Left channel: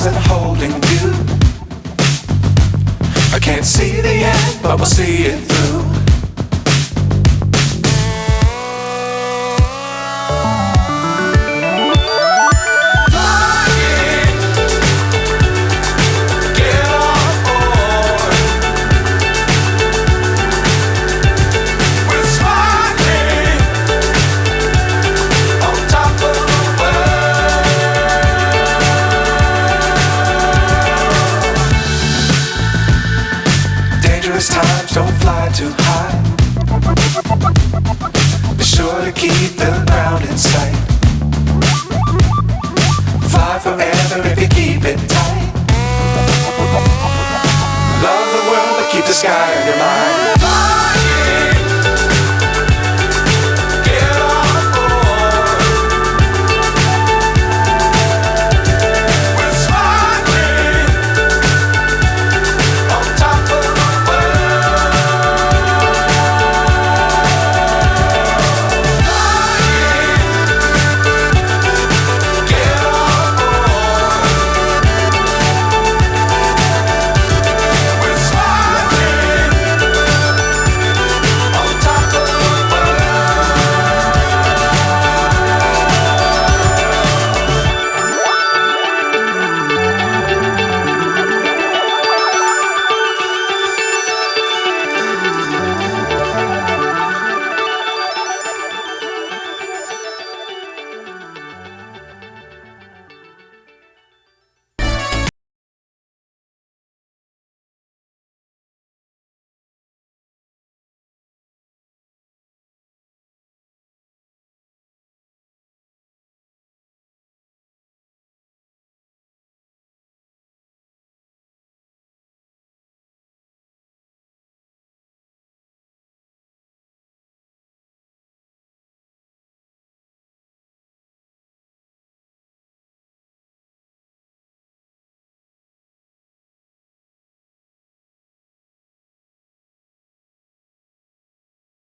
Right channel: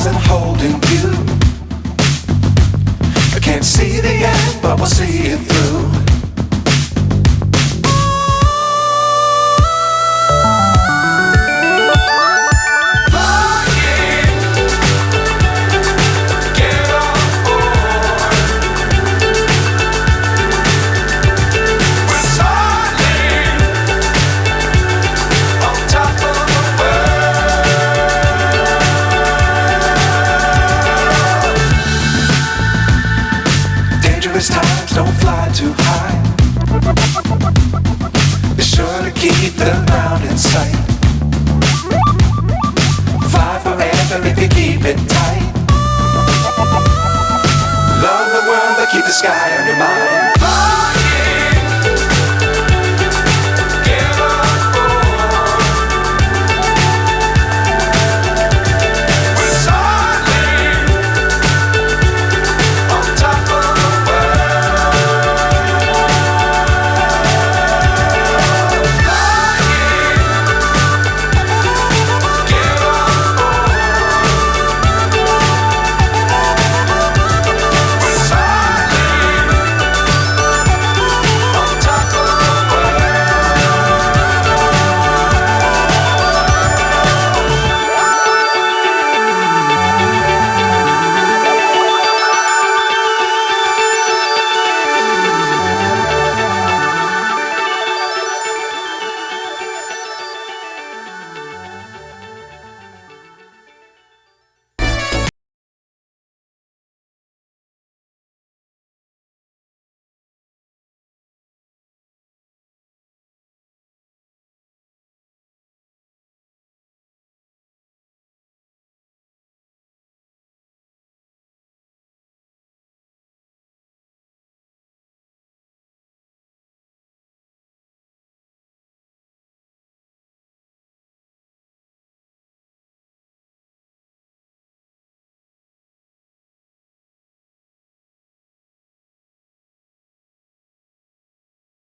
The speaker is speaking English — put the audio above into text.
stars and holding you. I can't see the end, but we'll see it through. Times don't fly too high. Be sure to keep the ground in sight. Fly forever if you keep it tight. Love the world but keep the sky on your mind.